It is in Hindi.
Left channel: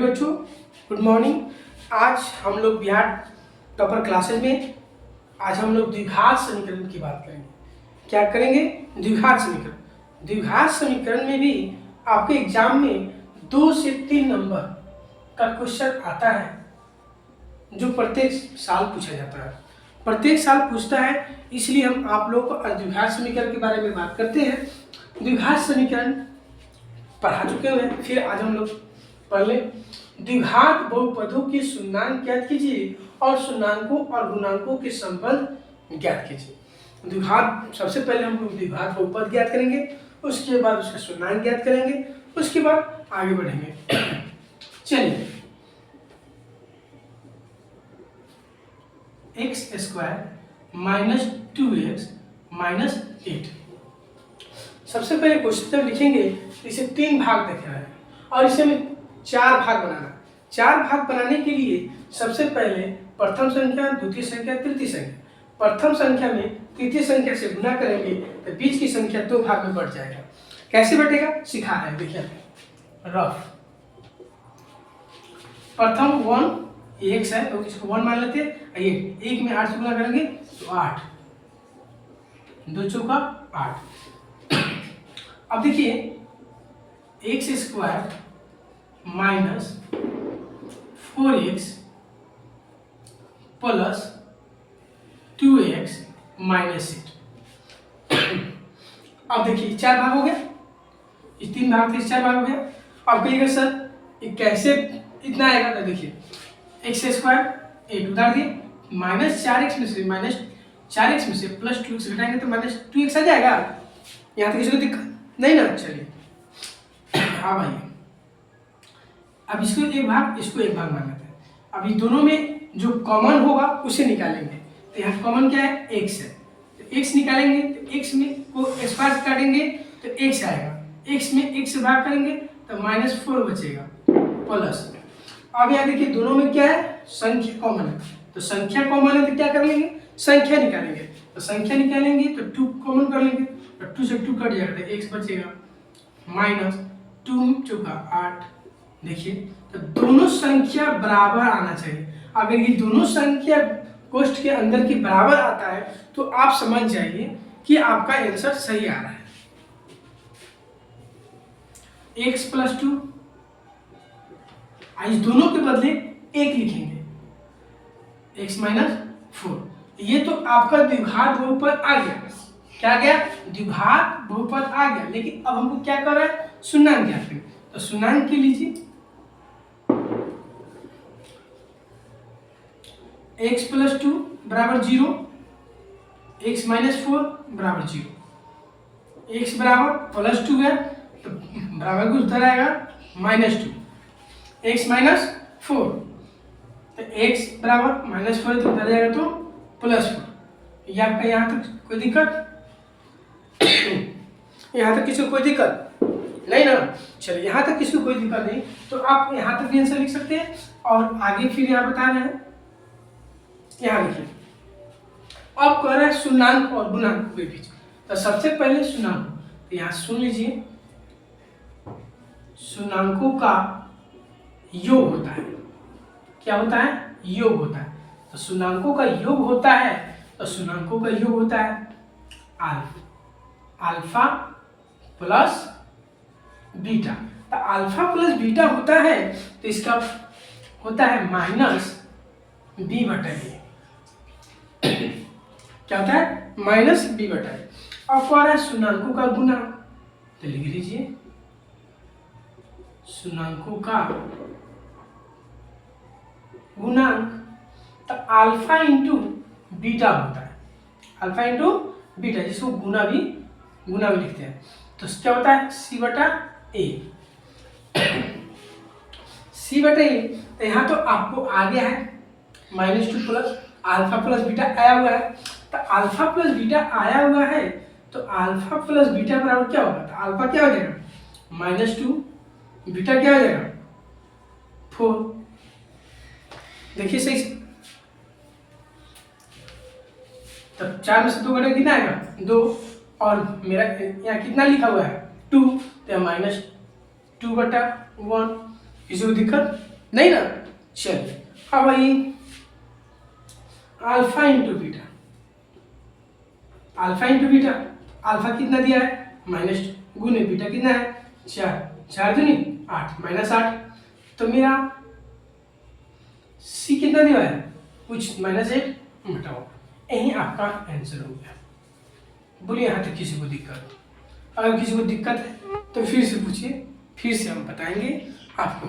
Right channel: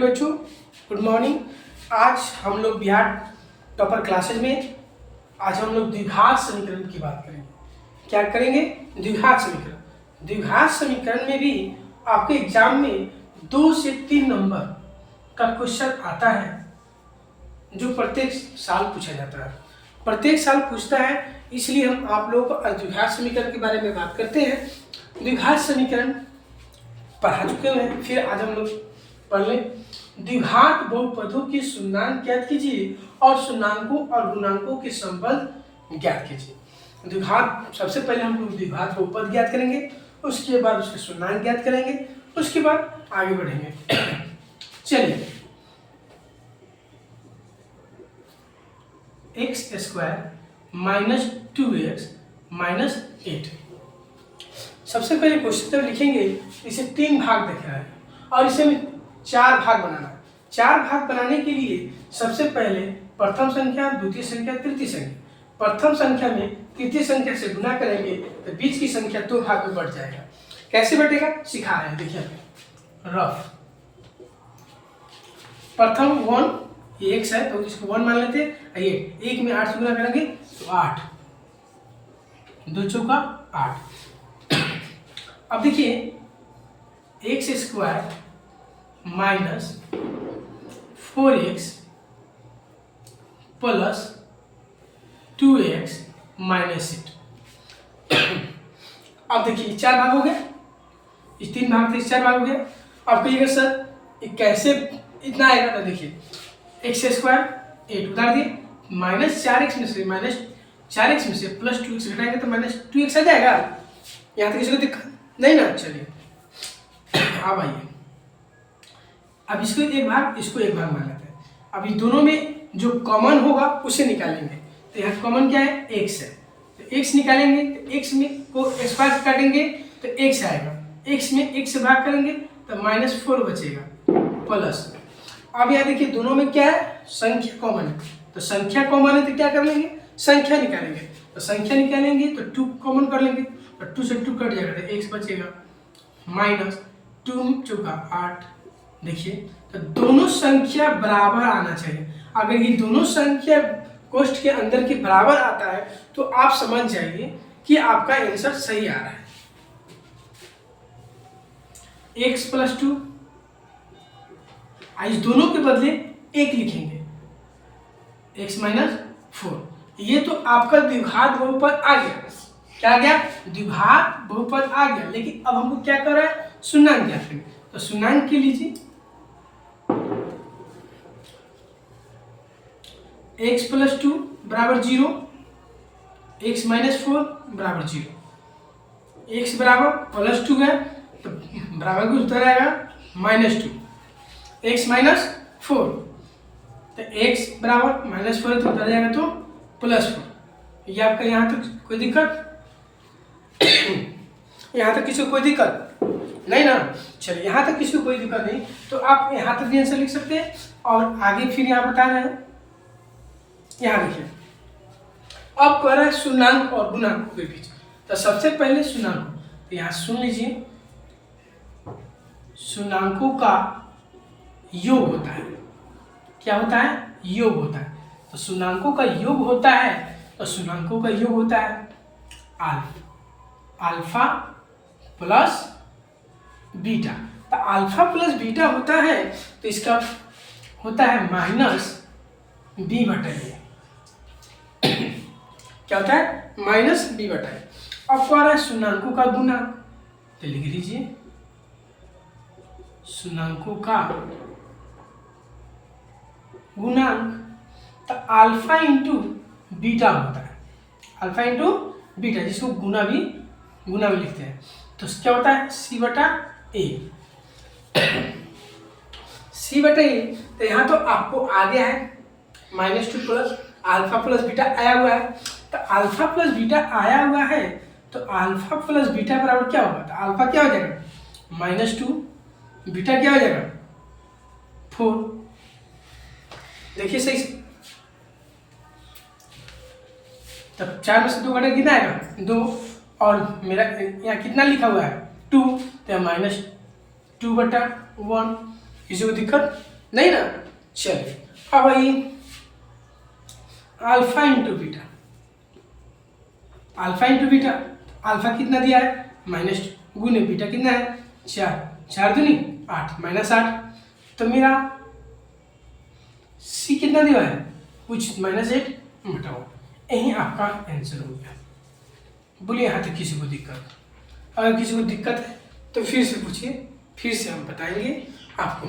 बच्चों, गुड मॉर्निंग। आज हम लोग बिहार टॉपर क्लासेज में आज हम लोग द्विघात समीकरण की बात करेंगे। क्या करेंगे? द्विघात समीकरण। द्विघात समीकरण में भी आपके एग्जाम में 2 से 3 नंबर का क्वेश्चन आता है, जो प्रत्येक साल पूछा जाता है। प्रत्येक साल पूछता है, इसलिए हम आप लोगों को द्विघात समीकरण के बारे में बात करते हैं। द्विघात समीकरण पढ़ा चुके हैं, फिर आज हम लोग पढ़ लें। द्विघात बहुपदों के शून्यांक ज्ञात कीजिए और शून्यांकों और गुणांकों के संबंध ज्ञात कीजिए। द्विघात, सबसे पहले हम लोग द्विघात बहुपद ज्ञात करेंगे, उसके बाद उसका शून्यांक ज्ञात करेंगे, उसके बाद आगे बढ़ेंगे। चलिए, x² - 2x - 8। सबसे पहले क्वेश्चन जब लिखेंगे इसे 3 भाग देख रहा है और इसे में 4 भाग बनाना। 4 भाग बनाने के लिए सबसे पहले प्रथम संख्या, द्वितीय संख्या, तृतीय संख्या, प्रथम संख्या में तृतीय संख्या से गुना करेंगे तो बीच की संख्या 2 भाग में बढ़ जाएगा। कैसे बढ़ेगा सिखा रहे हैं, देखिए रफ। प्रथम 1 x है तो इसको 1 मान लेते हैं। ये 1 में 8 से गुना करेंगे तो 8, 2 चौका 8। अब देखिए x² - 4x + 2x - 8। अब देखिए 4 भाग हो गया, इस 3 भाग थे, 4 भाग हो गया। अब कहिएगा सर ये कैसे इतना आएगा? तो देखिए x² 8 उतार दिए, -4x में से -4x में से +2x घटाएंगे तो -2x आ जाएगा। यहाँ तक किसी को दिक्कत नहीं ना? चलिए अब आइए, अब इसको एक भाग, इसको एक भाग मान लेते हैं। अब ये दोनों में जो कॉमन होगा उसे निकालेंगे। तो यहाँ कॉमन क्या है? x है, तो x निकालेंगे तो x में को x² से काटेंगे तो x आएगा, x में x से भाग करेंगे तो -4 बचेगा प्लस। अब यहाँ देखिए दोनों में क्या है? संख्या कॉमन है, तो संख्या कॉमन है तो क्या कर लेंगे? संख्या निकालेंगे। तो संख्या निकालेंगे तो 2 कॉमन कर लेंगे, तो 2 से 2 कट जाएगा तो x बचेगा, -2 चौका 8। देखिए तो दोनों संख्या बराबर आना चाहिए। अगर ये दोनों संख्या कोष्ठ के अंदर के बराबर आता है तो आप समझ जाइए कि आपका आंसर सही आ रहा है। x + 2, इस दोनों के बदले 1 लिखेंगे, x - 4। ये तो आपका द्विघात बहुपद आ गया। क्या आ गया? द्विघात बहुपद आ गया। लेकिन अब हमको क्या कर रहा है? शून्यांक ज्ञात करें। तो शून्यांक के लीजिए, x + 2 = 0, x - 4 = 0। x बराबर +2 है तो बराबर कुछ उधर आएगा -2, x - 4, तो x बराबर -4 है तो उधर जाएगा तो +4। ये आपका यहाँ तक कोई दिक्कत? यहाँ तक किसी को कोई दिक्कत नहीं ना? चलिए, यहाँ तक किसी को कोई दिक्कत नहीं तो आप यहाँ तक भी आंसर लिख सकते हैं और आगे फिर यहाँ बता रहे हैं। यहाँ देखिए, अब कह रहा है शून्यांक और गुणांक के बीच। तो सबसे पहले शून्यांक, तो यहाँ सुन लीजिए, शून्यांकों का योग होता है। क्या होता है? योग होता है। तो शून्यांकों का योग होता है, तो शून्यांकों का योग होता है अल्फा प्लस बीटा। तो अल्फा प्लस बीटा होता है तो इसका होता है -b/a। क्या होता है? -b/a। अब कौन है? शून्यांकों का गुना, तो लिख लीजिए शून्यांकों का गुणांक। तो अल्फा इंटू बीटा होता है, अल्फा इंटू बीटा, जिसको गुना भी लिखते हैं। तो क्या होता है? c/a। c/a, तो यहाँ तो आपको आ गया है -2 प्लस अल्फा प्लस बीटा आया हुआ है। तो अल्फा प्लस बीटा आया हुआ है तो अल्फा प्लस बीटा बराबर क्या होगा? तो अल्फा क्या हो जाएगा? -2, बीटा क्या हो जाएगा? 4। देखिए सही से, तब 4 में से 2 घटा कितना आएगा? 2, और मेरा यहाँ कितना लिखा हुआ है? 2, तो -2/1। किसी को दिक्कत नहीं ना? चलिए अब आइए alpha into beta. Alpha into beta, alpha कितना दिया है माइनस, गुने बीटा कितना है 4, 4 दूनी 8 माइनस 8, तो मेरा सी कितना दिया है कुछ -8 घटाओ, यही आपका आंसर हो गया। बोलिए यहाँ तक किसी को दिक्कत? अगर किसी को दिक्कत है तो फिर से पूछिए, फिर से हम बताएंगे आपको।